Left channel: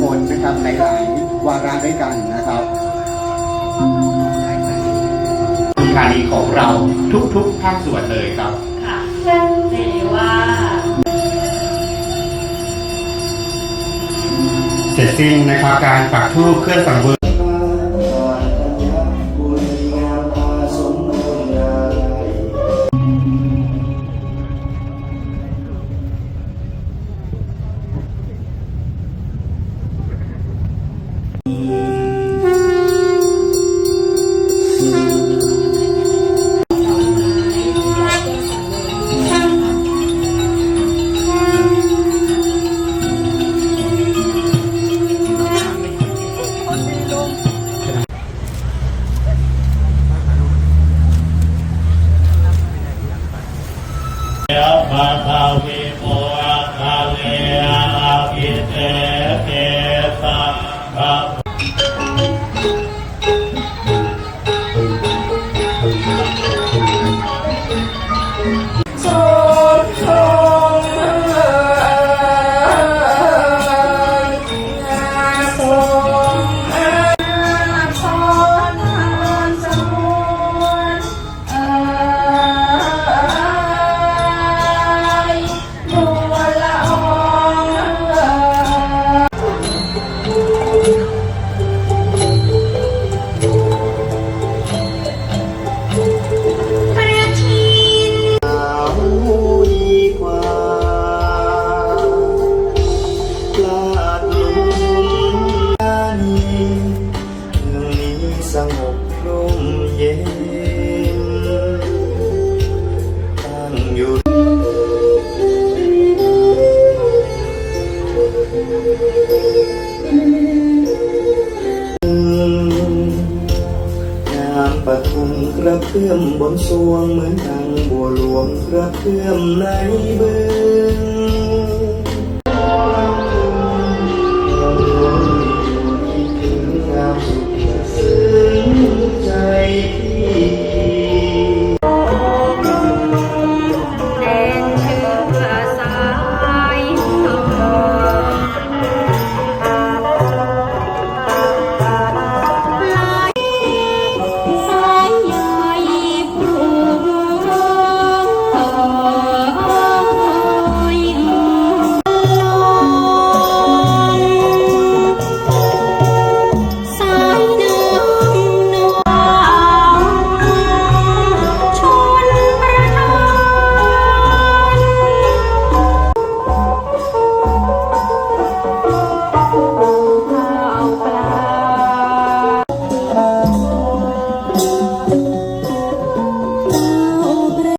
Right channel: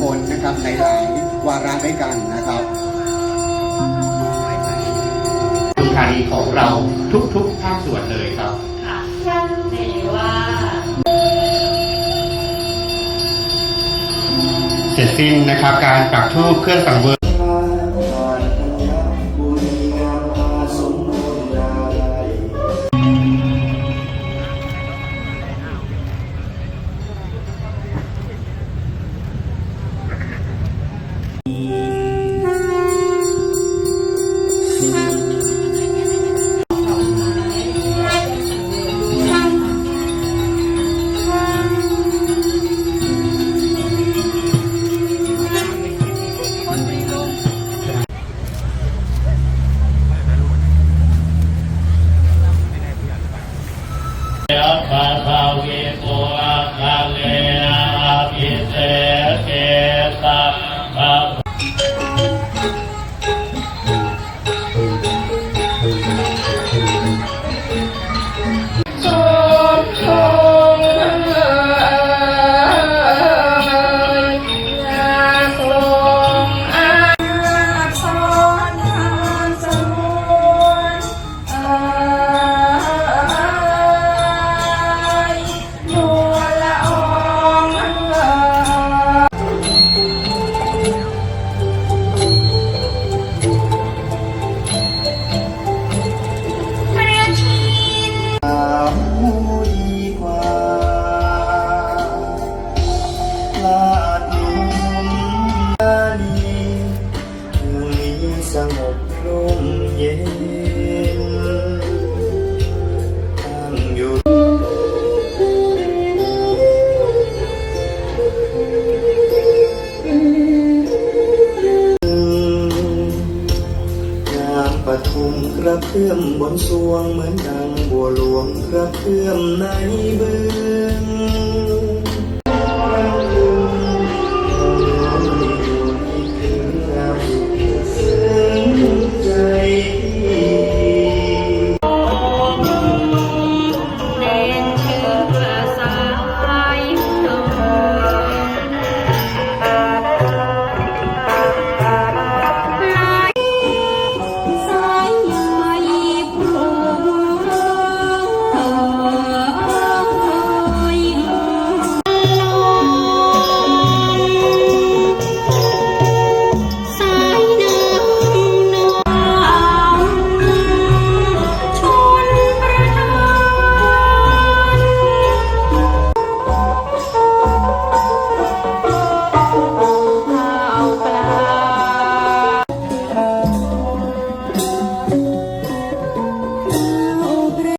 คลนะครับในหลายวาระด้วยกันนะครับโครงการนี้ของเราทุกๆภาคส่วนเลยครับค่ะเรียกได้ว่าเสร็จสิ้นนะครับการปักธูปเครื่องสังเวยย 嗯。 ระเพื่อมบนสวงเหมือนดังบัวหลวงกระเพื่อมในบึง